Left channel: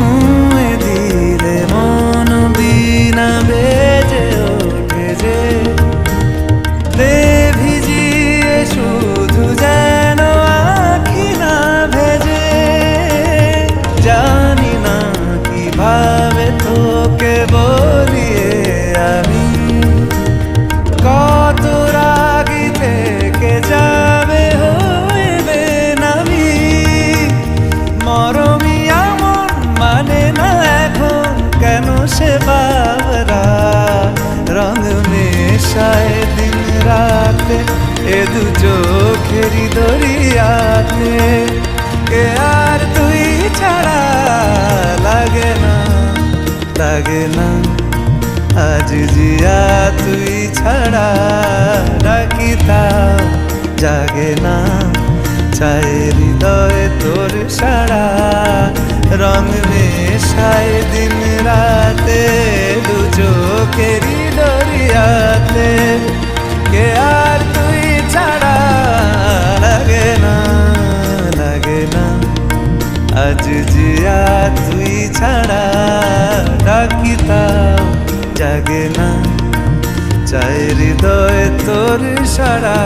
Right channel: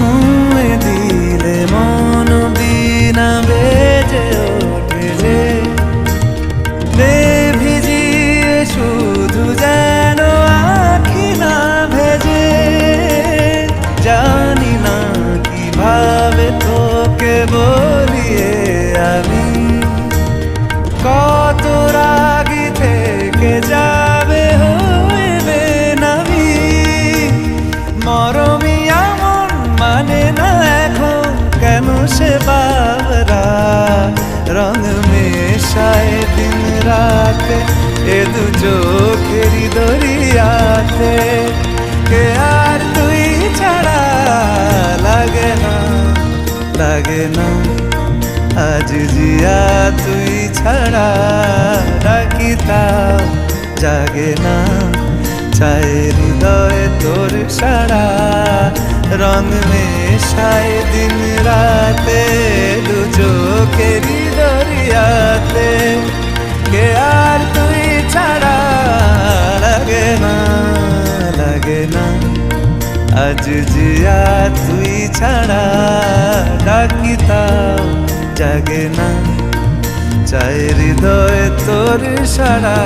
ছুঁয়ে দিলে মন বিনা বেজে ওঠে যে দে ভিজিয়ে শুধু যেন আখি না ভেজে জানি না কিভাবে তোকে বলিয়ে আমি কত রাগি থেকে যাবে হইবে নামি মরমি এমন মানে না এখন কেন সে বাবরা রং মেশায় দিন রাতে এ দু চোখেরি দরিয়াতে কে আর তুই ছাড়া লাগে না লাগে না আজ জিয়া তুই ছাড়া ডাকি তাও জাগে না চায় হৃদয় তোর সারা রং মেশায় দিন রাতে দু চোখেরি দরিয়াতে কে আর তুই ছাড়া লাগে না লাগে না আজ জিয়া তুই ছাড়া ডাকি তাও জাগে না চায় হৃদয় তোর সারা